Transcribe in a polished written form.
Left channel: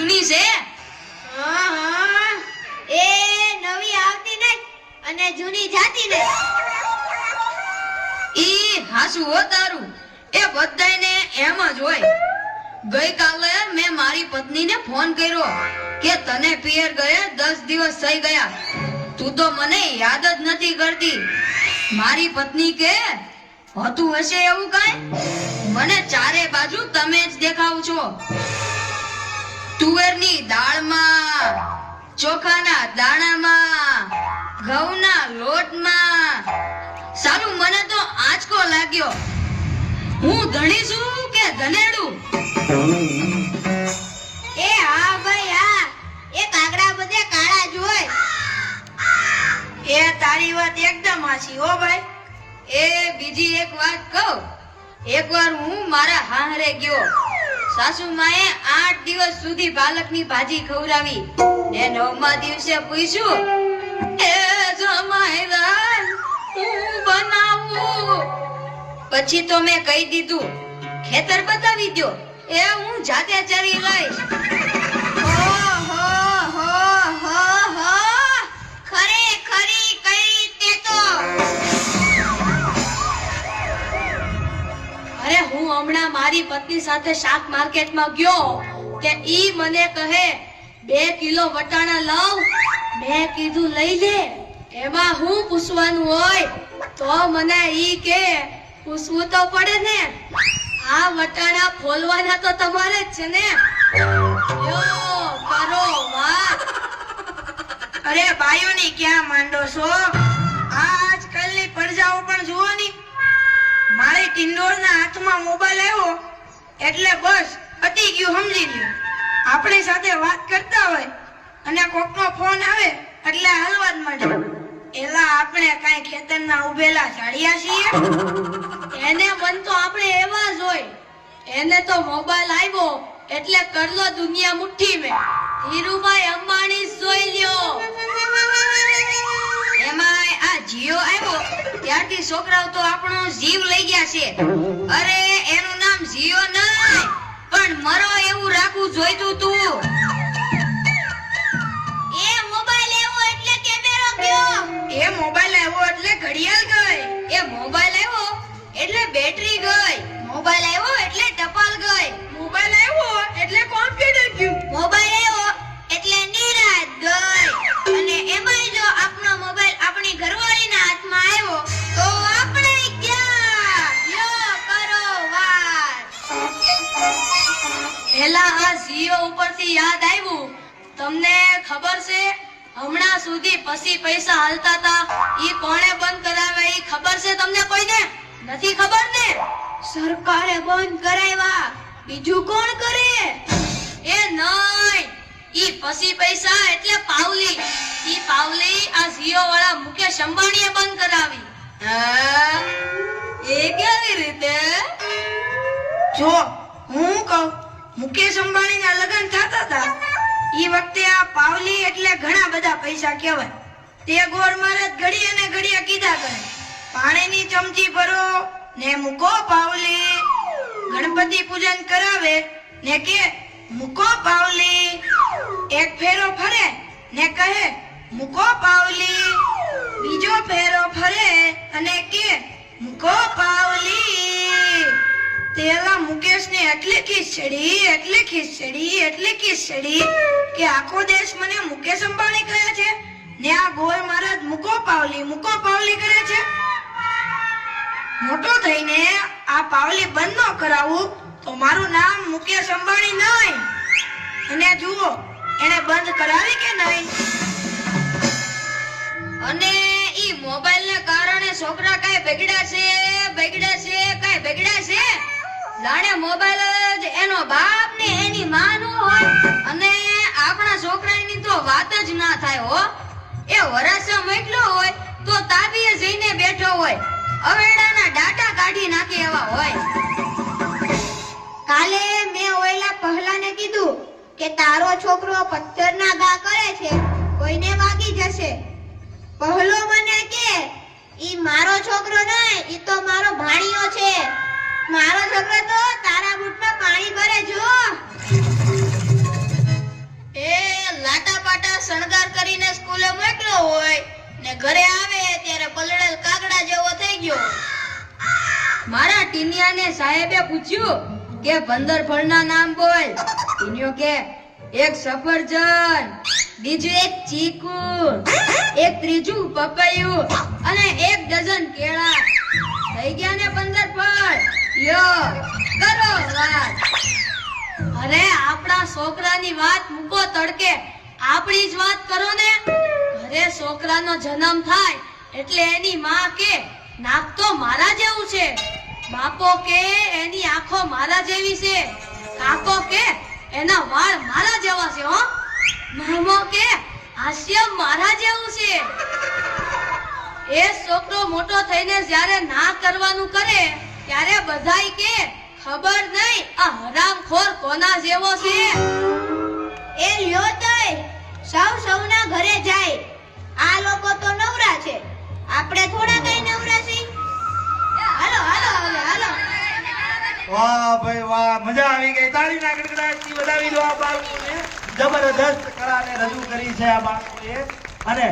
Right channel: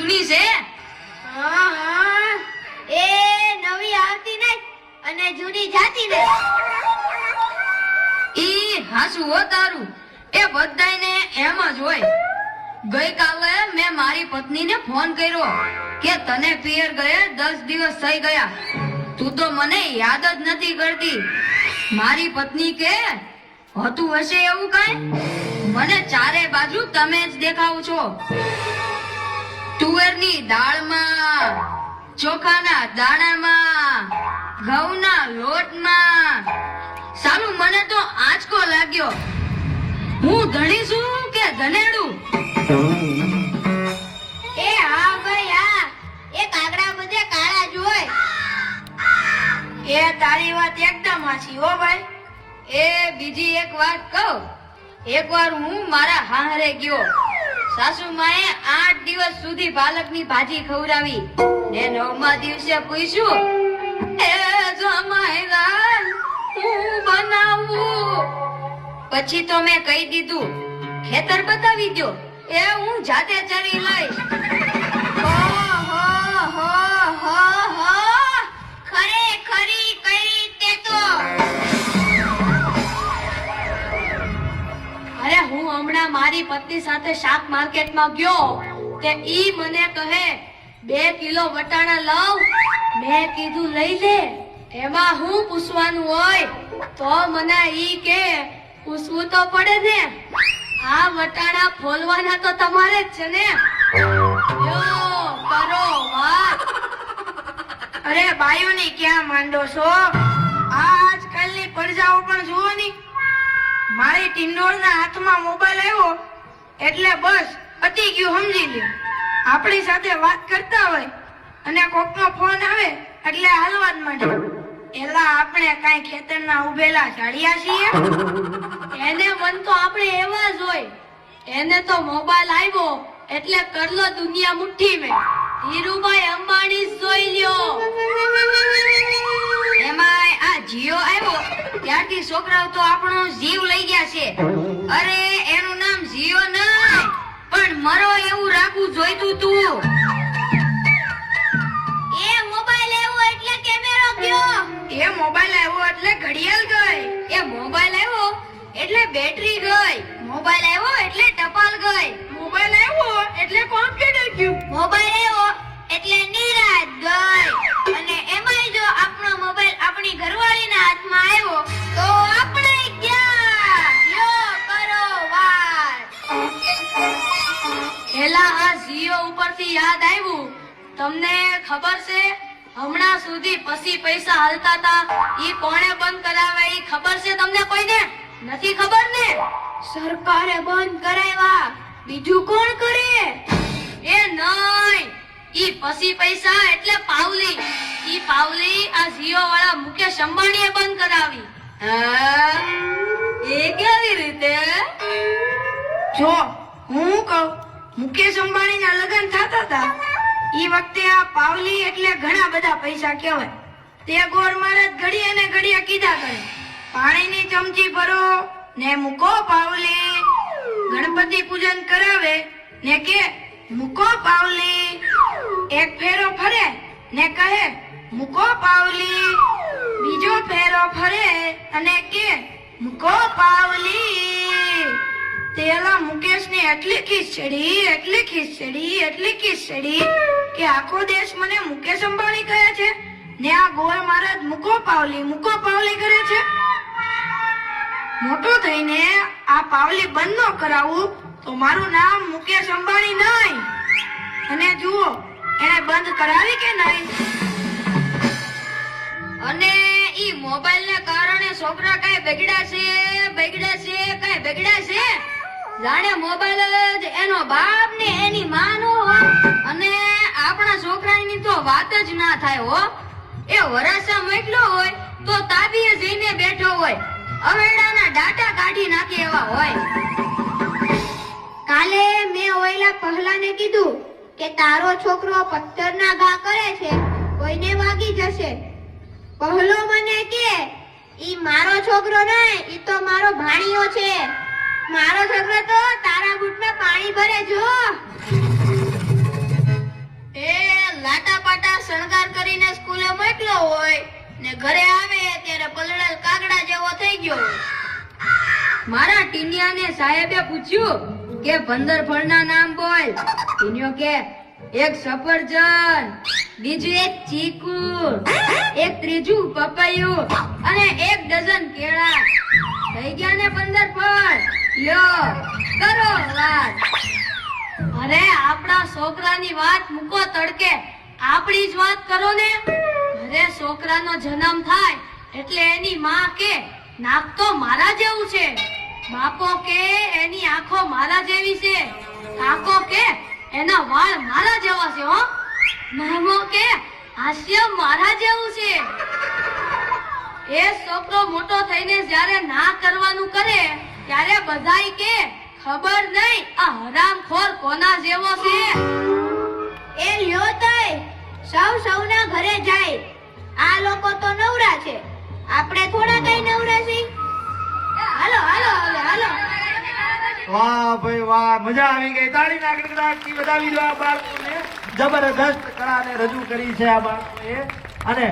જૂની છે. હા હા એ નવી આવતી નહીં અને જૂની જાતી નહીં. ઈ હાસુ હો તારું. એ બધાયને એમ જ હોય. ગઈકાલે મેં મારી પત્નીને ફોન કર્યો કે તને પિયર ગયે 10 દિવસ થઈ ગયા, તું તો મને યાદ જ નથી કરતી. મારી પત્ની કે હતું હશે એવું કાંઈ? મને ચારે બાજુ તમે જ દેખાવ છો. તુવેરની દાળમાં, ચોખાના દાણામાં, ઘઉંના લોટમાં. સારું, મને તો આંચકો લાગ્યો. હું ધણી છું કે ધનેડું? એ હા ભાઈ હા, એ કાગડા બધે કાળા જ હોય. એ તારી વાત એકદમ સાચી હો ભાઈ. એ બીજી એક વાત કહું. એકવાર હું મારા હાહરે ગયો. સાસુમાએ 8 દિવસ સુધી પાલકની ભાજી ખવડાવી ને 9મા દિવસે પૂછ્યું, એ જમાઈદાર હું બનાવું? પછી તો મેં કહી દીધું, ખેતર બતાવી દો, એ હું જાતે ચરી લઈશ. ખરેખરી કઈ તે તો. અરે હું હમણાં મારી પત્ની સાથે શાક માર્કેટમાં ગયો તે ઈ મને કહે 2 કિલો વટાણા લાવ. મેં કીધું લઈ લે, એમાં હું પૂછવાનું હોય? તો મને ઈ કે પૂછવું તો પડે ને, આ વટાણા ફોલવાના તો તમારે જ છે ને. યો કરો વાત. અરે બાયુની ક્યાં માંડો છો? આજકાલની પ્રજાઓ પણ જુઓ ની. મારી ટિંડોળના હાથમાં મોબાઈલ આવ્યો એટલે બસ પતી ગયું, સમજી લે. આપણી સાથે વાત કરતા હોય અને કોકનો ફોન આવે એટલે હાલવા જ માંડે. એલા આપણે કાંઈ ખેતરના ઉભેલા ઝાડિયા છીએ? એને મન તો આપણે એવા જ હોય. એને તો મોબાઈલ આવ્યો એટલે કરલો દુનિયા મુઠ્ઠી મેં. ધીરુભાઈ અંબાણી જોઈ લ્યો. એમાંય આ જીઓ આવ્યો ત્યારથી છોકરાઓ તો આપણો જીવ લઈ ગયા છે. અરે એનું નામ જીઓ નહીં પણ મરો એવું રાખવું જોઈતું તું. એ મોબાઈલ આવ્યો એટલે કેમેરો ગયો. એ મોબાઈલ આવ્યો એટલે ઘડિયાળ ગઈ. એ મોબાઈલ આવ્યો એટલે બેટરી ગઈ. મોબાઈલ આવ્યો એટલે ટપાલ ગઈ. મોબાઈલ આવ્યો એટલે કોમ્પ્યુટર ગયું. મોબાઈલ આવ્યો એટલે નિરાત ગઈ. અને એમાંય જો આપણો મોબાઈલ આપણી ઘરવાળીના હાથમાં આવ્યો તો આપણે ક્યાં? યો કરો વાત. એલા આ જીઓ ઉપરથી યાદ આવ્યું. તમને ખબર છે હમણાં સુધી પછી પૈસા હાલતા હતા ઈ કોણે બંધ કરાવે? ઈ ખબર છે તમને કોઈને? નથી ખબર ને? સરકારે બંધ કરાવ્યા, બીજું કોણ કરે? એ નહીં, ઈ પછી પૈસા એટલે પાવલી. ઈ પાવલી આ જીઓ વાળા મુકેશ અંબાણીએ બંધ કરાવી. હા, એ કેવી રીતે? જો હું કહું, મુકેશ અંબાણીના લગ્ન થતા હતા ઈ વખતે આ પાવલી એટલે ઘણા બધા પૈસા કહેવાય. તે ગોર મહારાજ ઘડીએ ને ઘડીએ કીધા કરે, પાણીની ચમચી ભરો ને મૂકો પાવલી. ગણપતિ પૂજન કરાવે ને કે મૂકો પાવલી. એક ફેરો ફરે ને કહે મૂકો પાવલી. બીજો ફેરો ફરે અને કે મૂકો પાવલી. તેલા મુકેશને એટલી ખીચડી કે આખો દેશ મને મુકેશ અંબાણી કહે છે ને આ ગોર મહારાજ મૂકો પાવલી કરે છે. મોટો થઈને આ પાવલી બંધ ન કરાવું તો મારું નામ મુકેશ અંબાણી નહીં. અને જુઓ એને બંધ કરાવી કે નહીં. અને ઈ મોબાઈલ ના કારણે છોકરા કાંઈ બગડ્યા છે? જાણે મોબાઈલ જ એનો બાપ ને એની માં નો હોય. અને આપણા છોકરાની તો વાત જ ના થાય હો. એ વરાસા મોકલો હોય તો તાબીએ જઈને બેઠો હોય, અવેડાના ડાટા કાઢી નાખે એવા હોય. કાલે મેં ઓયલા પહેલાને કીધું કે તારો છોકરો પથ્થરના ઘા કરે છે, કોઈને વાગી જશે. પહેલો મને કે ઈ મારો છોકરો નહીં, ઈ તો મારો ભાણિયો છે. મારો છોકરો તો તારા બૂટમાં પાણી ભરે જો. હોય ને ઘરે આવે ત્યારે પલળેલ કાગડા જેવો થઈ ગયો હોય. મારા ટીનિયાને સાહેબે પૂછ્યું કે 15 ફળના નામ બોલ. ટીનિયો કે એક સફરજન, બીજું એક ચીકુ, એક ત્રીજું પપૈયું અને 1 ડઝન કેળા. થઈ ગયા ને 15 ફળ. લ્યો કરો વાત. અરે આપણા છોકરાની વાત મૂકો તડકે, આપણી જ વાત કરો ને. ઘરે છોકરાનો જન્મ થાય એટલે એની માં કે નાક તો મારા જેવું છે, બાપો કે એની આંખો મારા જેવી છે, કાકો કે એના વાળ મારા જેવા છે, હો મામો કે હાસ્ય મારા જેવું છે. એ છોકરો મોટો થઈને જ્યારે ના કરવાનું કરે ત્યારે બધાય કે ખબર નહીં આ હરામખોર કોના જેવો છે. એ લ્યો તોય સૌ સૌના ઘરે જાય. આ લોકો તો નવરા છે, આપણે થોડા કઈ નવરા છીએ. હાલો હાલો હાલો હાલો. વાહ ભાઈ વાહ, મજા આવી ગઈ. તાળીના ગડગડાટથી વધાવી દો આ બાળકોને. જબરદસ્ત કળાને રજૂ કરી છે આ બાળકોએ. અને